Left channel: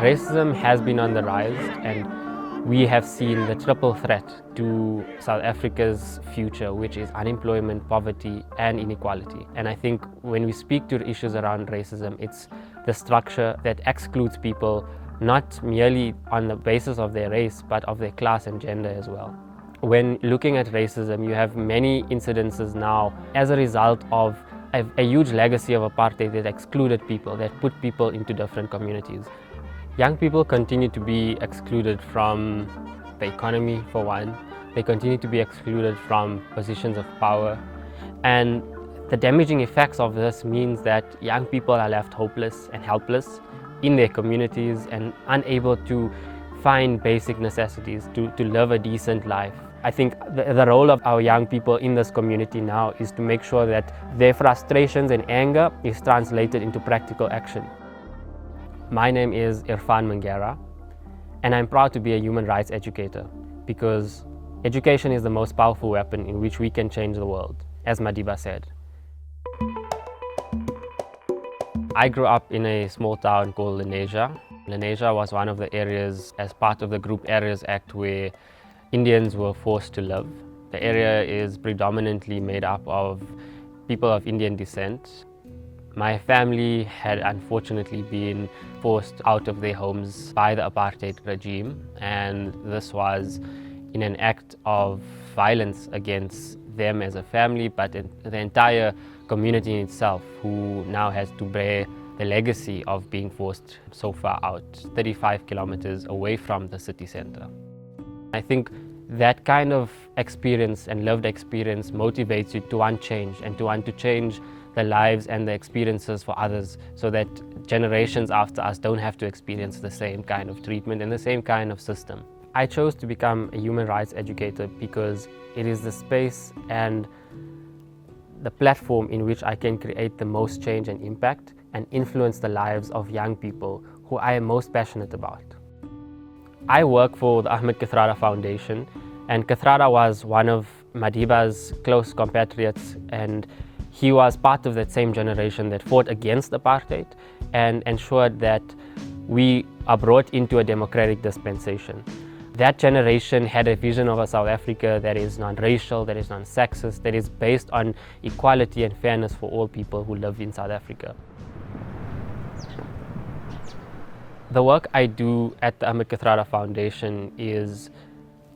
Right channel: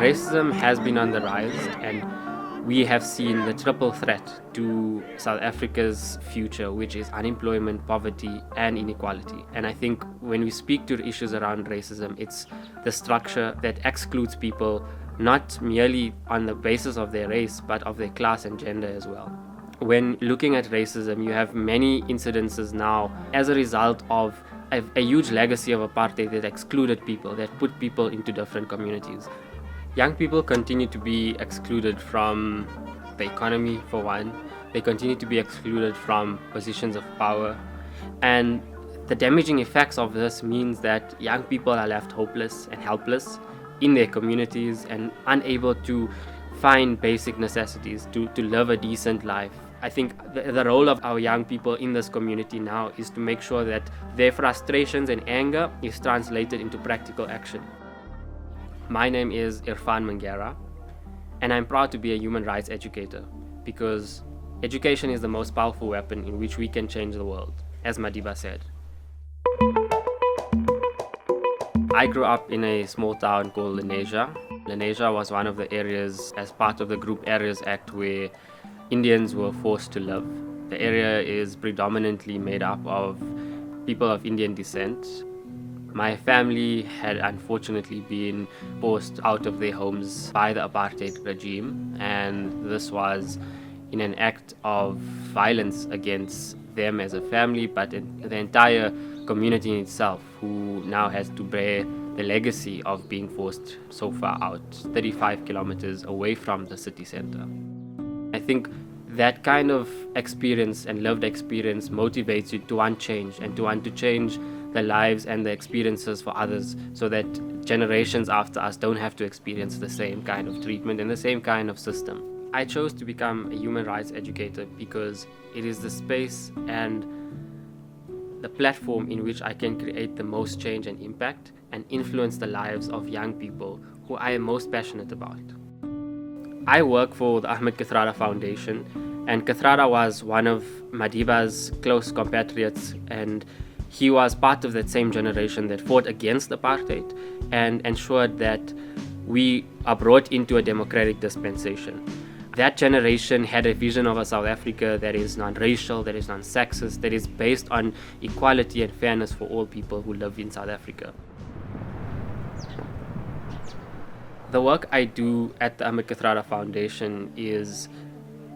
Racism has been on the rise, and we have seen the triple threat to South Africa's future, which is unemployment, poverty, and inequality. And I think when we speak to issues around racism, it's the structure that excludes people not merely on the basis of their race, but of their class and gender as well. When looking at racism, you have many incidences now as a result of a huge legacy of apartheid that excluded people, that put people into different communities. Young people continue to be excluded from the economy, for one. They continue to be excluded from positions of power. And the damaging effects of this means that young people are left hopeless and helpless in their communities and unable to find basic necessities to live a decent life. I think the role of our young people in this community now is to make sure that their frustrations and anger is translated into practical action. My name is Irfaan Mangera, and I'm proud to be a human rights educator because education is the most powerful weapon in which we can change the world, as Madiba said. I grew up in a small town called Lenasia. Lenasia was one of the areas as part of the Group Areas Act where Indians were forced to live. The area is predominantly made up of people of Indian descent. My family had unfortunately been forced out of their homes by the apartheid regime, and this was in an act of violence against them as a family, but the entire community in itself, who now has to bear the legacy of being forced so far out, 35 kilometers away from the city center. I think that kind of experience and lived experience motivates you to want change and to want to change the lives and the experiences for others so that generations after us don't have to experience the same kind of treatment and the same kind of system. I chose to become a human rights educator because it is the space and the platform in which I can create the most change and impact and influence the lives of young people who I am most passionate about. I work for the Ahmed Kathrada Foundation, and Kathrada was one of Madiba's close compatriots, and he was part of that same generation that fought against apartheid and ensured that we are brought into a democratic dispensation. That generation had a vision of a South Africa that is non-racial, that is non-sexist, that is based on equality and fairness for all people who live in South Africa. The work I do at the Ahmed Kathrada Foundation is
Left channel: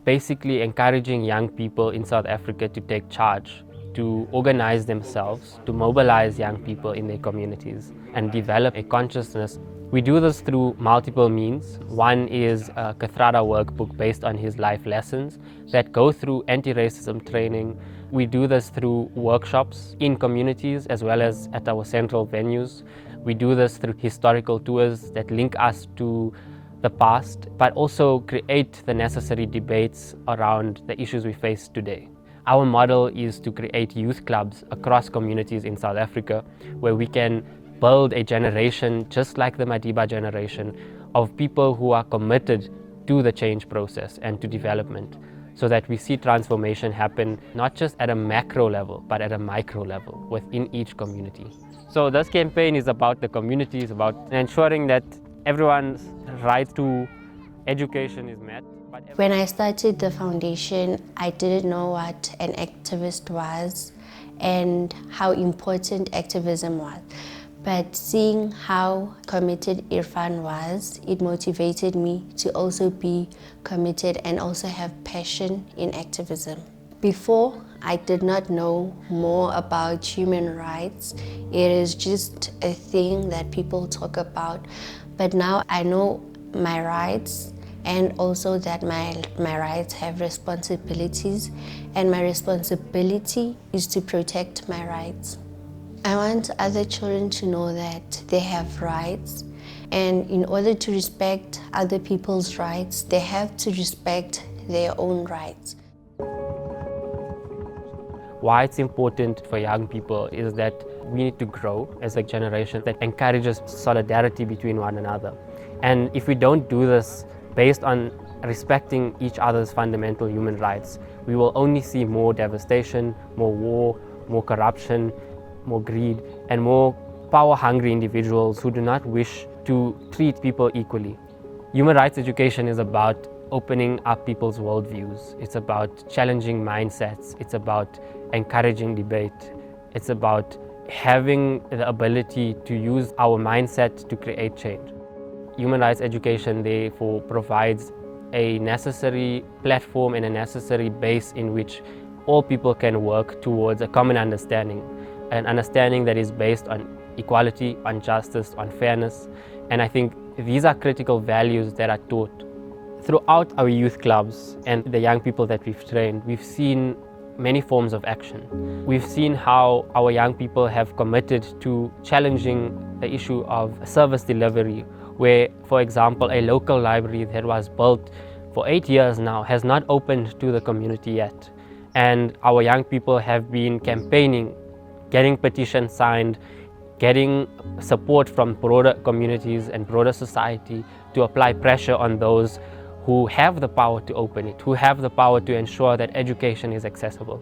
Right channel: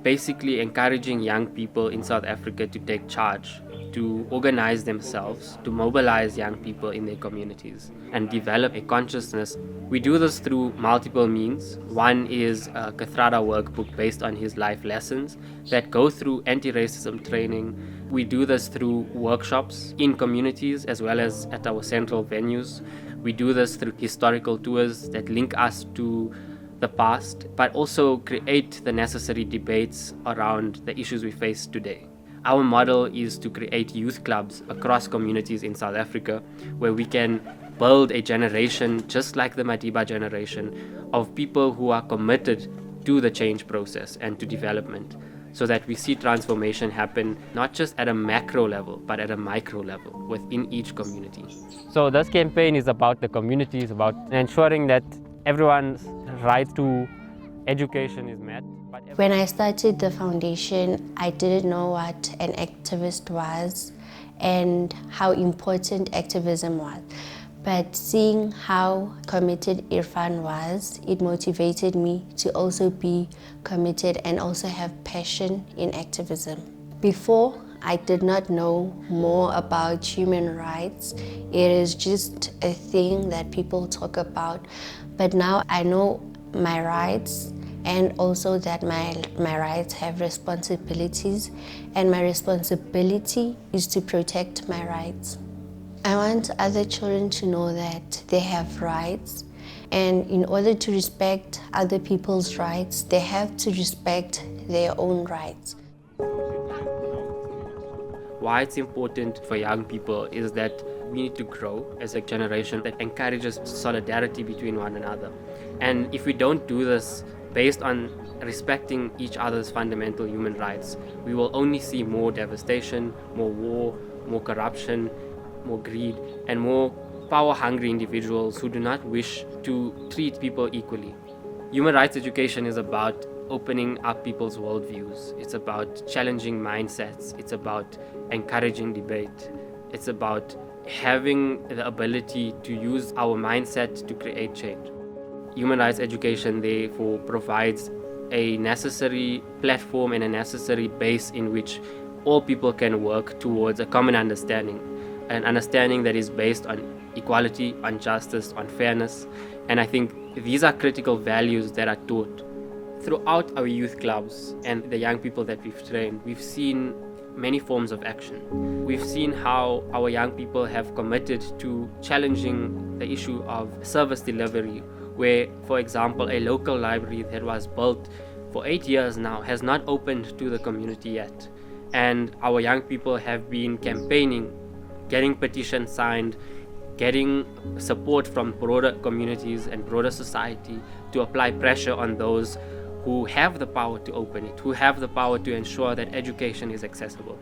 basically encouraging young people in South Africa to take charge, to organize themselves, to mobilize young people in their communities and develop a consciousness. We do this through multiple means. One is a Kathrada workbook based on his life lessons that go through anti-racism training. We do this through workshops in communities as well as at our central venues. We do this through historical tours that link us to the past, but also create the necessary debates around the issues we face today. Our model is to create youth clubs across communities in South Africa where we can build a generation just like the Madiba generation of people who are committed to the change process and to development so that we see transformation happen not just at a macro level but at a micro level within each community. So this campaign is about the communities, about ensuring that everyone's right to education is met. When I started the foundation, I didn't know what an activist was and how important activism was. But seeing how committed Irfaan was, it motivated me to also be committed and also have passion in activism. Before, I did not know more about human rights. It is just a thing that people talk about. But now I know my rights and also that my rights have responsibilities, and my responsibility is to protect my rights. I want other children to know that they have rights, and in order to respect other people's rights, they have to respect their own rights. Why it's important for young people is that we need to grow as a generation that encourages solidarity between one another. And if we don't do this based on respecting each other's fundamental human rights, we will only see more devastation, more war, more corruption, more greed, and more power-hungry individuals who do not wish to treat people equally. Human rights education is about opening up people's worldviews. It's about challenging mindsets. It's about encouraging debate. It's about having the ability to use our mindset to create change. Human rights education, therefore, provides a necessary platform and a necessary base in which all people can work towards a common understanding, an understanding that is based on equality, on justice, on fairness. And I think these are critical values that are taught. Throughout our youth clubs and the young people that we've trained, we've seen many forms of action. We've seen how our young people have committed to challenging the issue of service delivery, where, for example, a local library that was built for 8 years now has not opened to the community yet. And our young people have been campaigning, getting petitions signed, getting support from broader communities and broader society to apply pressure on those who have the power to open it, who have the power to ensure that education is accessible.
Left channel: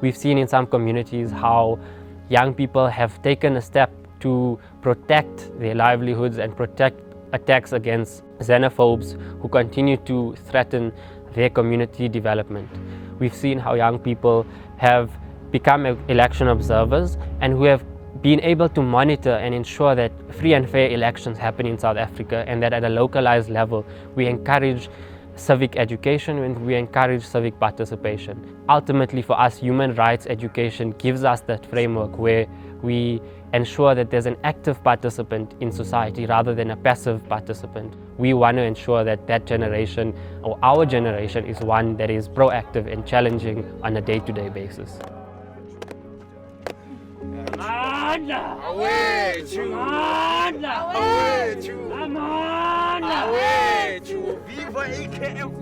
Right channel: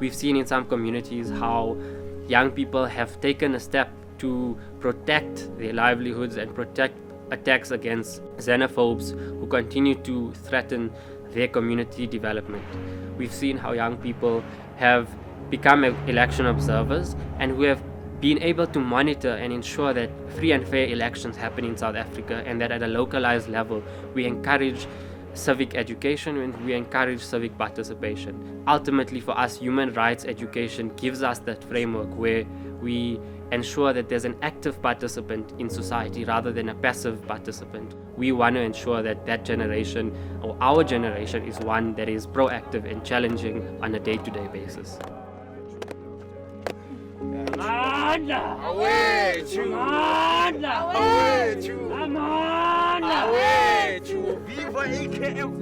We've seen in some communities how young people have taken a step to protect their livelihoods and protect attacks against xenophobes who continue to threaten their community development. We've seen how young people have become election observers and who have been able to monitor and ensure that free and fair elections happen in South Africa, and that at a localized level we encourage civic education and we encourage civic participation. Ultimately, for us, human rights education gives us that framework where we ensure that there's an active participant in society rather than a passive participant. We want to ensure that that generation, or our generation, is one that is proactive and challenging on a day-to-day basis. Away to Viva AKF!